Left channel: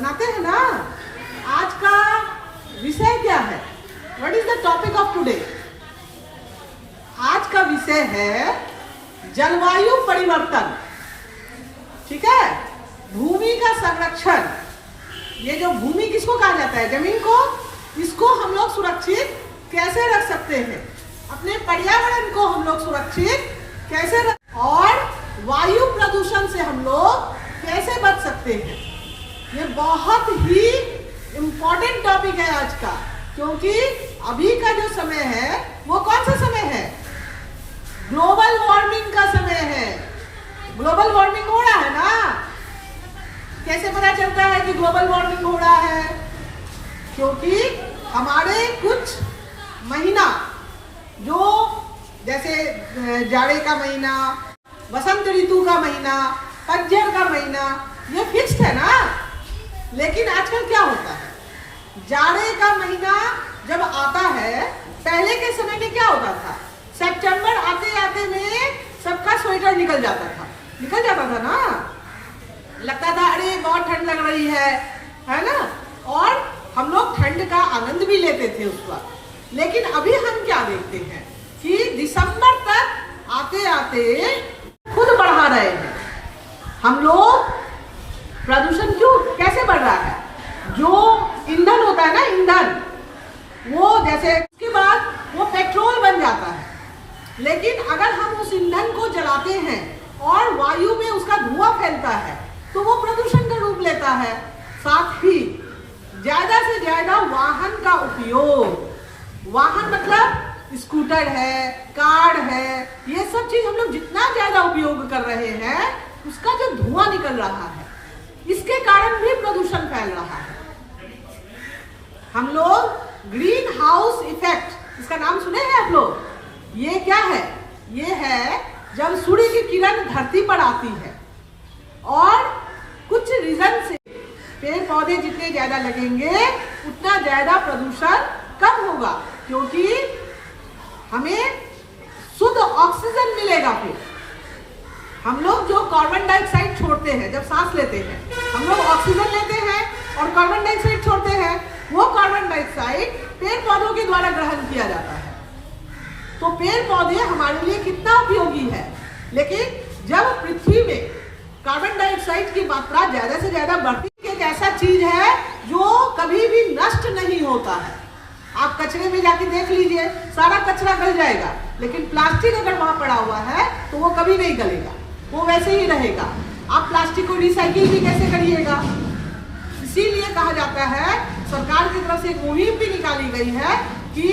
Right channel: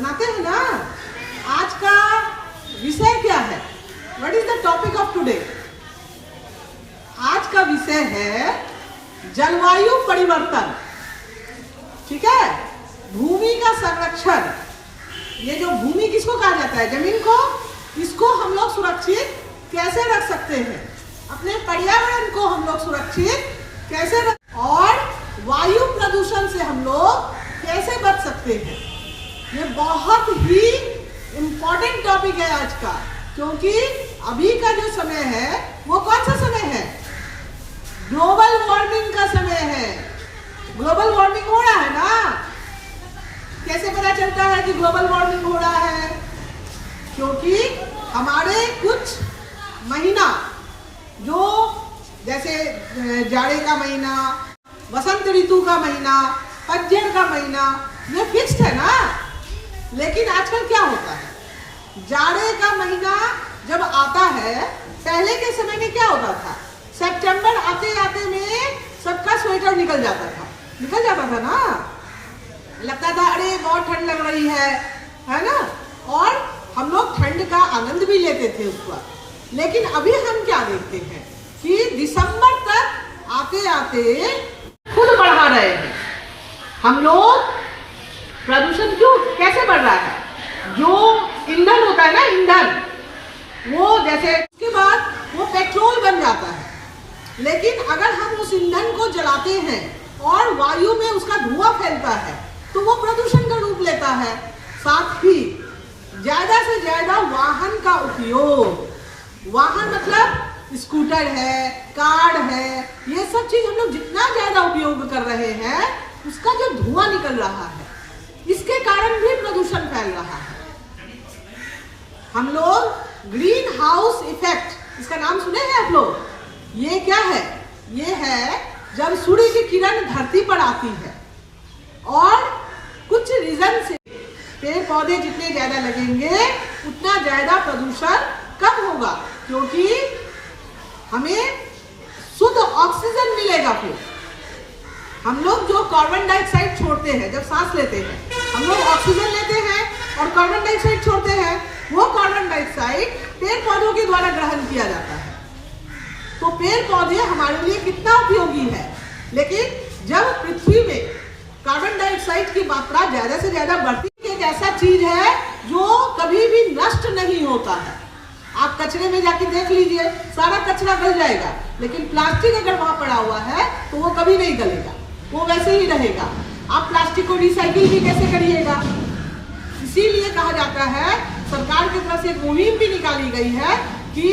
मनाते हैं ना। आज का विषय क्या है? What is the topic of today? आज का विषय है जलवायु परिवर्तन। ठीक है, भूमि का संरक्षण। ये जो भूमि किसको कहा जाता है? जमीन को। इसको हम लोग सुरक्षित कैसे रख सकते हैं? अपने पर्यावरण को हम लोग सुरक्षित कैसे रख, और वायु प्रदूषण से हम लोग कैसे बच सकते हैं? ये बहुत ही इम्पोर्टेंट टॉपिक है आज का, क्योंकि अभी का जो समय है वो कौन सा समय है? ग्लोबल वार्मिंग का समय है। ग्लोबल वार्मिंग हो रहा है ना। कैसे पता चलता है कि ग्लोबल वार्मिंग हो रहा है? क्योंकि हमारे कुछ महीना, जो जैसे जाड़े का महीना, वसंत ऋतु का महीना, पतझड़ का महीना, ये फिक्स्ड है ना। लेकिन आजकल क्या होता है, जाड़े का महीना जब आता है, पहले के समय में क्या होता था? सितंबर आते आते में सबका स्वेटर निकल जाता था ना। लगता था अरे बहुत ठंड लग रही है ना। और हम लोग ठंड का आनंद भी लेते थे उस वक्त। लेकिन अभी हम क्या देखते हैं कि दिसंबर तक आते आते खुद बढ़ा रहे हैं हम लोग। प्रदूषण क्यों कैसे बढ़ रहा है? जो ईंधन होता है ना, ईंधन, वो जैसे उसके बाद वो पेट्रोल बन जाता है। लेकिन अगर हम उस ईंधन को जलाते हैं और वायु में उसका धुआं फैलता है तो वो प्रदूषण का रूप लेता है। साथ ही ज्यादा से ज्यादा वाहन का उपयोग, वाहन मतलब स्कूटर है, कार है, ये सब चीज हम लोग जितना ज्यादा उपयोग कर रहे हैं, उसका जो धुआं निकल रहा है, इसके कारण भी प्रदूषण फैल रहा है। हम लोग ग्रीन हाउस इफेक्ट, इसका नाम सुने हैं आप लोग? ये क्या है? ये है जब सूर्य की किरण धरती पर आती है और कुछ रीजन से पेड़ पौधे जितने ज्यादा लगेंगे उतना ज्यादा प्रदूषण कम होगा, क्योंकि हमें शुद्ध ऑक्सीजन मिलेगा। फिर हम लोग जो कार्बन डाइऑक्साइड छोड़ते हैं, जब सांस लेते हैं हम लोग ऑक्सीजन लेते हैं और कार्बन डाइऑक्साइड छोड़ते हैं। वो कार्बन डाइऑक्साइड पेड़ पौधों के द्वारा ग्रहण किया जाता है। तो पेड़ पौधे हमारे लिए कितना उपयोगी है। लेकिन जब पृथ्वी में कार्बन डाइऑक्साइड की मात्रा ज्यादा से ज्यादा बढ़ती, एक ऐसा चीज है जो कभी भी नष्ट नहीं होता है। आप कचरे में जाके देख लीजिए, सारा कचरा गल जाएगा, लेकिन प्लास्टिक अगर वहां पड़ा हुआ है तो वो कभी नहीं गलेगा, वो वैसे ही रहेगा। आप प्लास्टिक को रिसाइकिल भी कैसे करिएगा? इसीलिए कहा जाता है, सरकार की तरफ से एक मुहिम भी निकाली गई है कि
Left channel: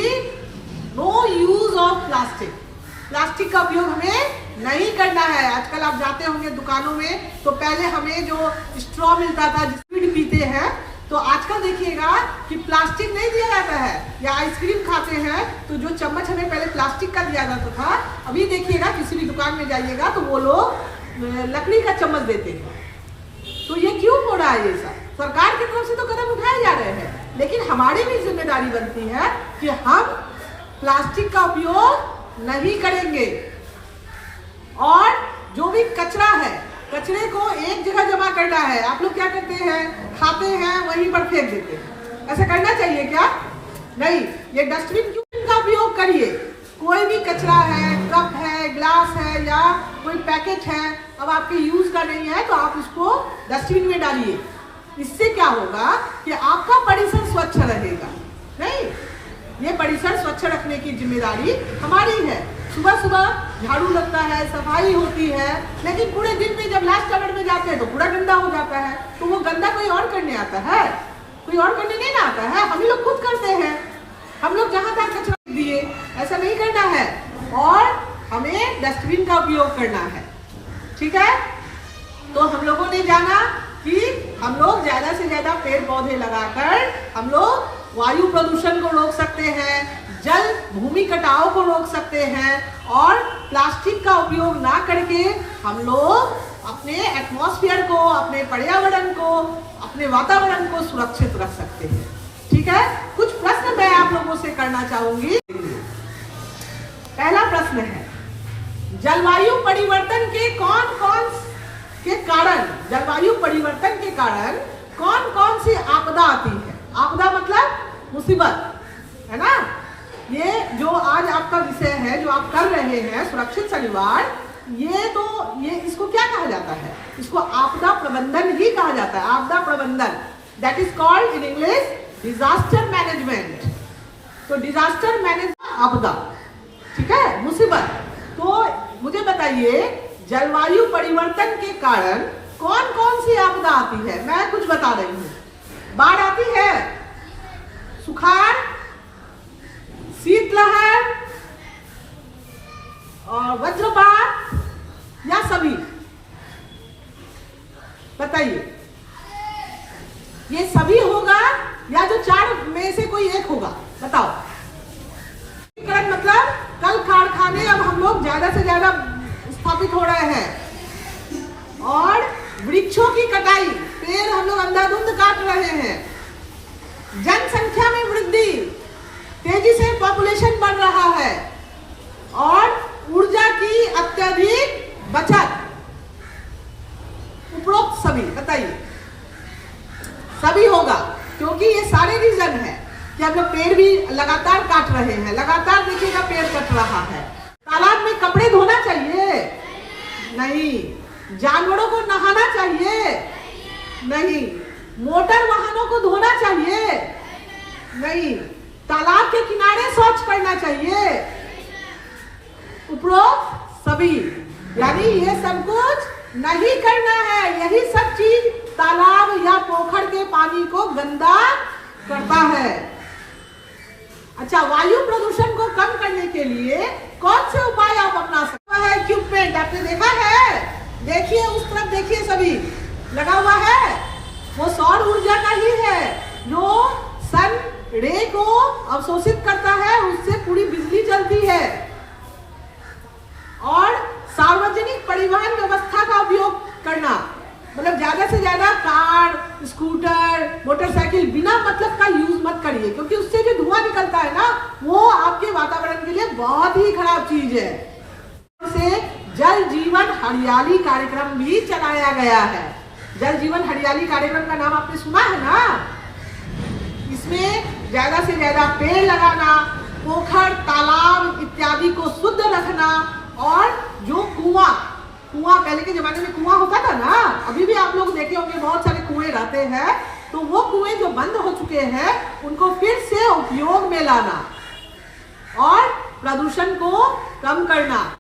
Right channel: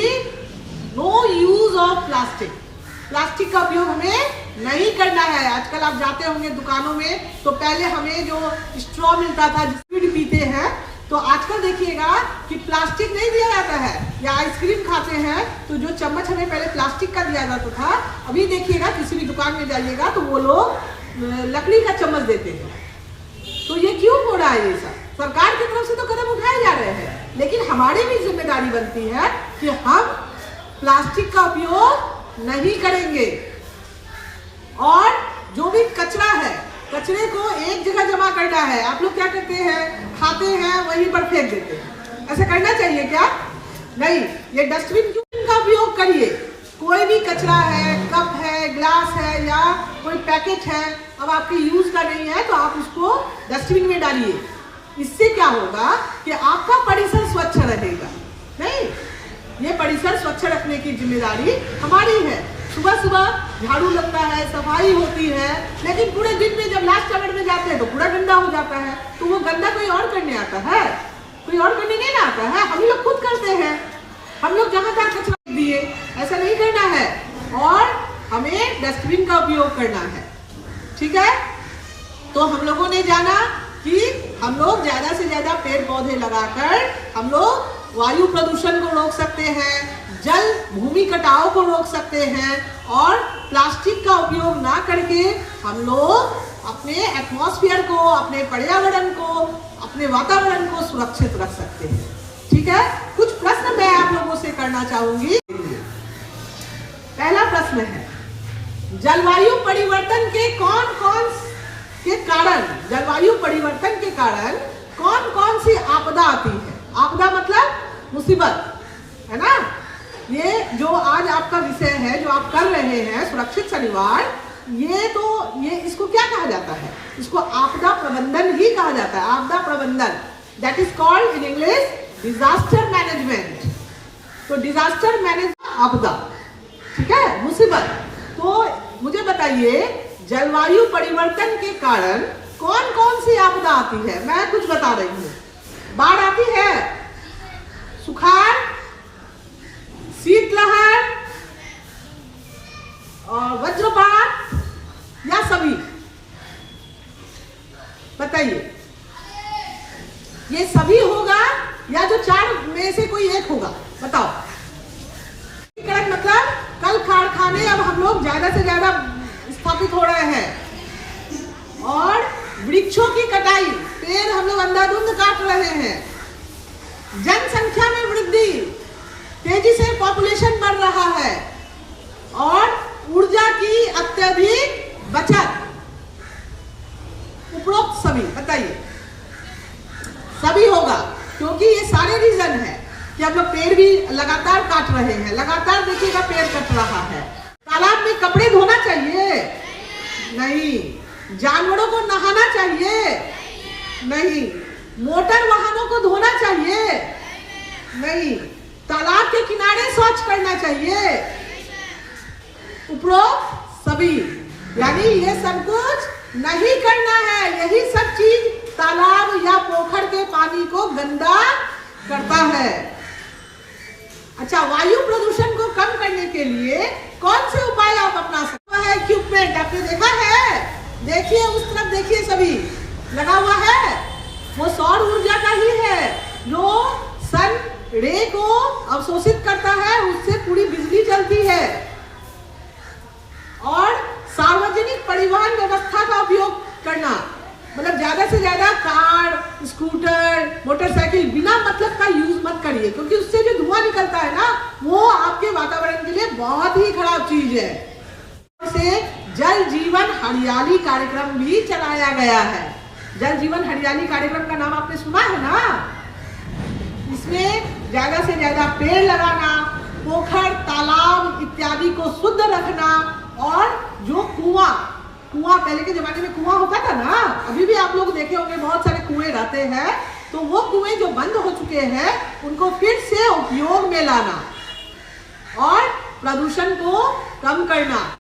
no use of plastic. Plastic का उपयोग हमें नहीं करना है। आजकल आप जाते होंगे दुकानों में, तो पहले हमें जो स्ट्रॉ मिलता था, जिसमें पीते हैं, तो आजकल देखिएगा कि प्लास्टिक नहीं दिया जाता है। या आइसक्रीम खाते हैं तो जो चम्मच हमें पहले प्लास्टिक का दिया जाता था, अभी देखिएगा किसी भी दुकान में जाइएगा तो वो लोग लकड़ी का चम्मच देते हैं। तो ये क्यों हो रहा है? ये सब सरकार की तरफ से तो कदम उठाए जा रहे हैं, लेकिन हमारी भी जिम्मेदारी बनती है कि हम प्लास्टिक का उपयोग नहीं करेंगे। और जो भी कचरा है, कचरे को एक जगह जमा करना है। आप लोग क्या करते हैं? खाते हैं वहीं पर फेंक देते हैं। ऐसा करना चाहिए क्या? नहीं। ये डस्टबिन का उपयोग करिए। कोई भी कचरा है, कप है, ग्लास है या कोई पैकेट है, अब आपके यूज का नहीं है तो आप उसको डस्टबिन में डालिए। इससे क्या होगा कि आपका परिसर स्वच्छ रहेगा। नहीं, ये परिसर स्वच्छ रखने की जिम्मेदारी हमारी है। सुबह सुबह झाड़ू लगता है, सफाई होती है, लेकिन पूरे दिन में जब लास्ट आवर में जाते हैं तो पूरा गंदा हो जाता है। तो वो गंदा कोई और करने आता है? कोई और करने नहीं आता है, हम लोग खुद करते हैं। हम लोग जहाँ तक कचरा दिए, ऐसा नहीं करना है। और हमें डस्टबिन का उपयोग करना है। ठीक है, तो हम लोगों ने जाना कि हम लोग ज्यादा से ज्यादा पेड़ पौधे लगाकर हम लोग वायु प्रदूषण को रोक सकते हैं, जल भूमि कटाव को रोक सकते हैं, और प्लास्टिक का उपयोग ना करके हम लोग अपने एटमॉस्फेयर को, अपने पर्यावरण को, अपने वातावरण को सुरक्षित रख सकते हैं। ठीक है, कुछ प्रश्न मैं आप लोगों से करना चाहूंगी। पहला प्रश्न है, जलवायु परिवर्तन के कारण कौन कौन आती है। आपदा मतलब मुसीबत, है ना। ये जो आज आपका विषय है, जो आप कर रहे हैं सुरक्षित शनिवार, ये इसको क्या कहा जाता है? इसको आपदा प्रबंधन ही कहा जाता है। आपदा प्रबंधन, that is called in English disaster management. तो डिजास्टर मैनेजमेंट आपदा, ठीक है, मुसीबत। तो मुझे बताइए, जलवायु परिवर्तन के कारण कौन कौन सी आपदा आती है? मैं कुछ बता रही हूँ। बाढ़ आती है, सुखाड़, शीतलहर और वज्रपात, या सभी? बताइए, ये सभी होगा या जो चार में से कोई एक होगा? बताओ। मतलब कल कारखाने अब हम लोग ज्यादा से ज्यादा स्थापित हो रहे हैं और वृक्षों की कटाई, पेड़ हम लोग अंधाधुंध काट रहे हैं, जनसंख्या में वृद्धि, तेजी से पॉपुलेशन बढ़ रहा है और ऊर्जा की अत्यधिक बचत। उपरोक्त सभी, बताइए। सभी होगा, क्योंकि ये सारे रीजन है कि हम लोग पेड़ भी लगातार काट रहे हैं। लगातार देखिएगा पेड़ कट रहा है। तालाब में कपड़े धोना चाहिए? नहीं। जानवरों को नहाना चाहिए? नहीं। मोटर वाहनों को धोना चाहिए? नहीं। तालाब के किनारे शौच करना चाहिए? उपरोक्त सभी, यानी ये सब कुछ नहीं करना है। यही सब चीज तालाब या पोखर के पानी को गंदा करता है। अच्छा, वायु प्रदूषण को कम करने के लिए कौन से उपाय आप अपना सकते हैं? इक्विपमेंट आपने देखा है? देखिए, उस तरफ देखिए, सभी लगा हुआ है। वो सौर ऊर्जा का ही है, जो सन रे को अवशोषित करता है, उससे पूरी बिजली चलती है। और सार्वजनिक परिवहन व्यवस्था का उपयोग करना, मतलब ज्यादा से ज्यादा कार, स्कूटर, मोटरसाइकिल बिना मतलब का यूज मत करिए, क्योंकि उससे जो धुआं निकलता है ना, वो आपके वातावरण के लिए बहुत ही खराब चीज है। से जल जीवन हरियाली कार्यक्रम भी चलाया गया है। जल जीवन हरियाली कार्यक्रम का नाम आपने सुना है ना? इसमें ज्यादा से ज्यादा पेड़ लगाना, पोखर, तालाब इत्यादि को शुद्ध रखना, और जो कुआं पहले के जमाने में कुआं होता था ना, अभी भी आप लोग देखे होंगे बहुत सारे कुएं रहते हैं, तो वो कुएं जो बंद हो चुके हैं उनको फिर से उपयोग में लाना और प्रदूषण को कम करना।